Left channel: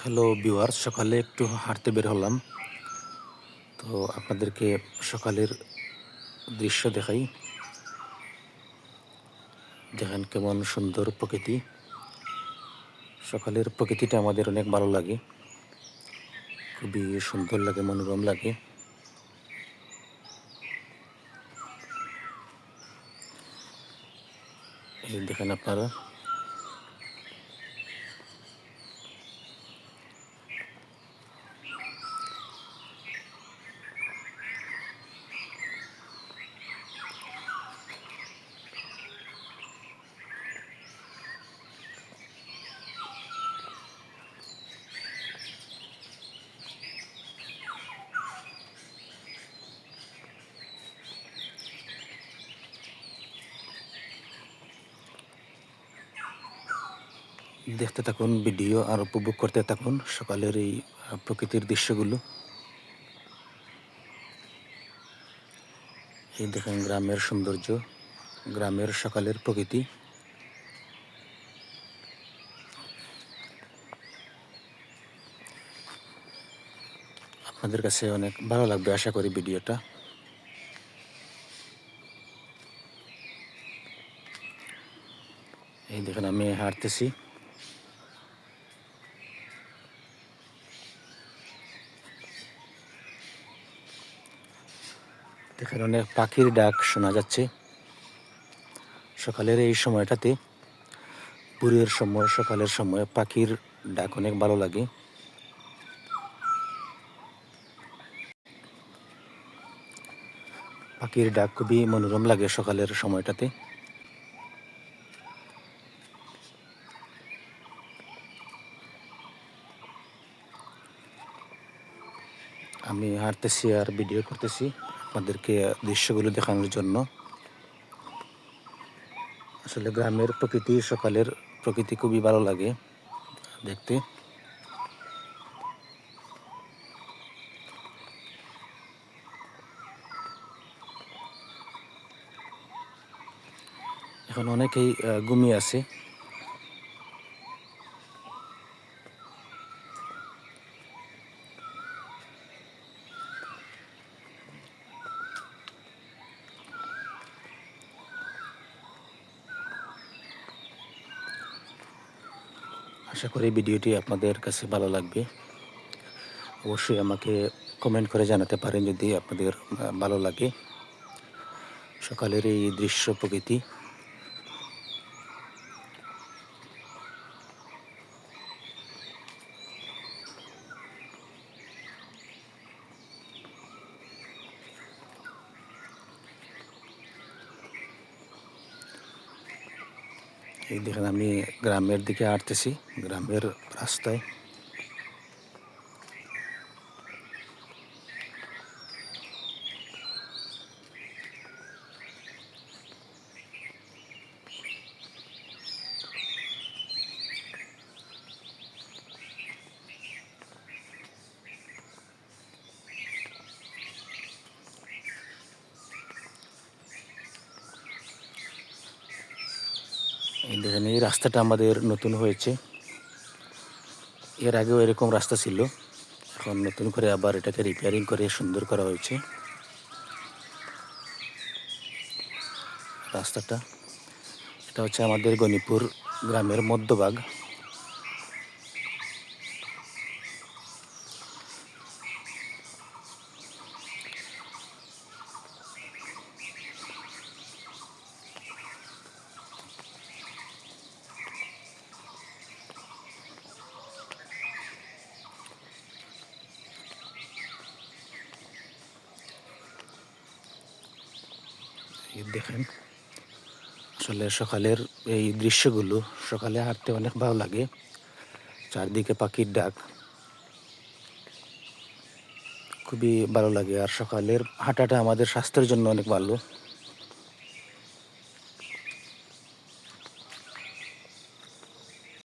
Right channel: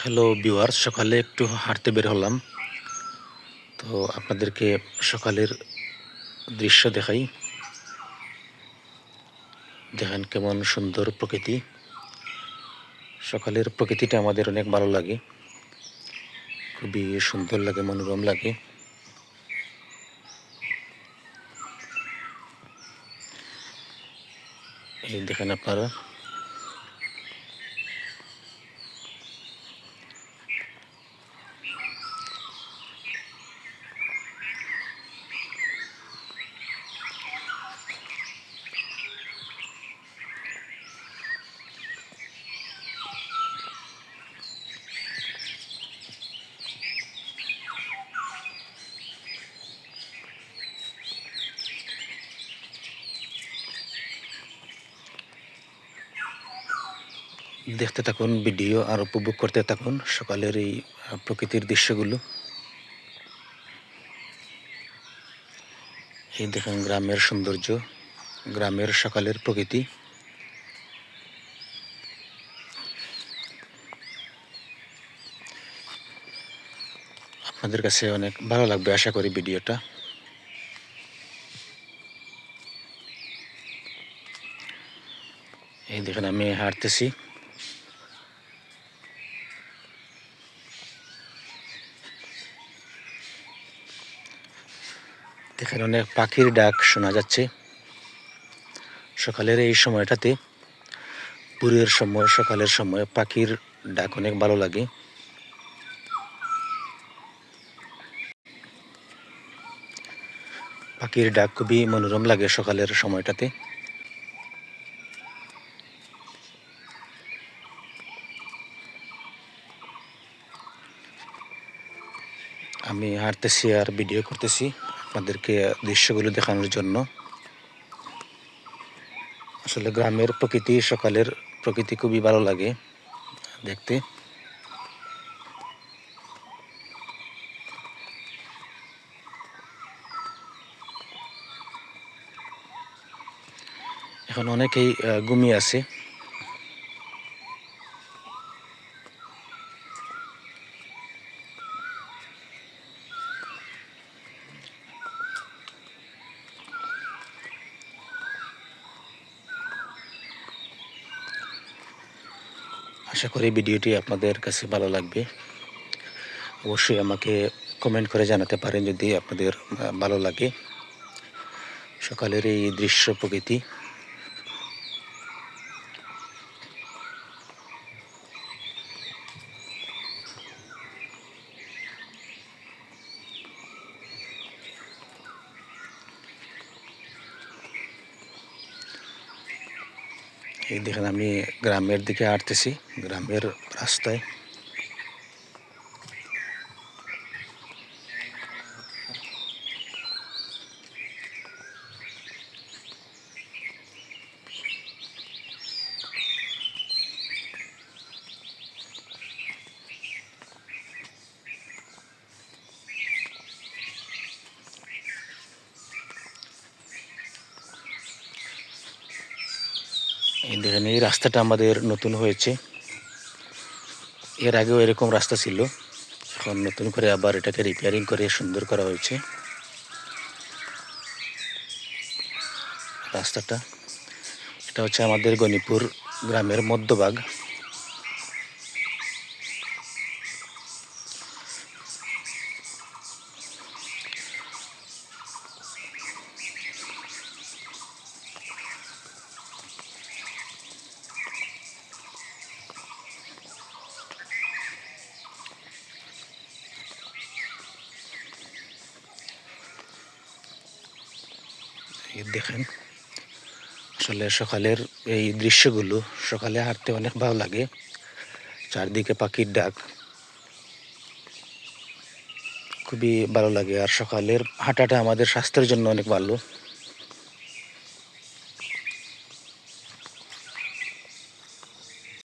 Hello viewers, সকালে একটু হাঁটতে বের হলাম। তো আপনাদেরকে সকালের দৃশ্য দেখাই। দেখেন কেমন সুন্দর প্রকৃতি। সকালের প্রকৃতিটা আমাদের অনেক ভালো লাগে, খুবই সুন্দর লাগে, মনোরম লাগে। এই দেখেন আপনারা, দেখতে থাকুন ভিডিও আর উপভোগ করতে থাকুন সকালের এই প্রকৃতির দৃশ্যগুলো। এই দেখেন গ্রামের সৌন্দর্য, গ্রামের সকালের প্রকৃতি। আপনাদের কাছে অনেক ভালো লাগবে আশা করি ভিডিওটা। এই দেখেন আমি হাঁটতেছি। দেখেন অনেক পাখির ডাক শোনা যাচ্ছে সকালের এই সময়টাতে। ভোরের সময়, সকালের সময় পাখির ডাক অনেক ভালো লাগে। পাখির ডাক খুবই মনোরম লাগে সকালের সময়টাতে। আমি হাঁটতেছি আর ভিডিও করতেছি আপনাদেরকে দৃশ্যগুলো দেখানোর জন্য। আসলে গ্রামের প্রকৃতি, সকালের প্রকৃতি খুবই ভালো লাগে দেখতে। এখন অনেকেই ঘুমিয়ে আছে। আশা করি ভিডিওটি আপনাদের কাছে ভালো লাগবে। অবশ্যই আমাকে কমেন্ট করে জানাতে পারেন যদি আপনাদের ভালো লাগে সকালের এই দৃশ্য, প্রকৃতি। এই দেখেন আমি গ্রামের দিকে হাঁটতেছি, গ্রামের রাস্তায়। এই দেখেন এই রাস্তাটা আমাদের নতুন হয়েছে। এর আগেও এরকম রাস্তা ছিল, এখন নতুন করে আবার এটাকে রিপেয়ারিং করে সুন্দর করা হয়েছে রাস্তাটা। এটা হচ্ছে আমাদের গণিপুর গ্রামের মধ্যভাগ। এই দেখেন আসলে সকালের এই দৃশ্যগুলো, সকালে হাঁটতে অনেক ভালো লাগে। চারদিকে পাখির ডাক, খুবই ভালো লাগে। আর সকালের হাঁটাটা আমাদের স্বাস্থ্যের জন্য অনেক ভালো।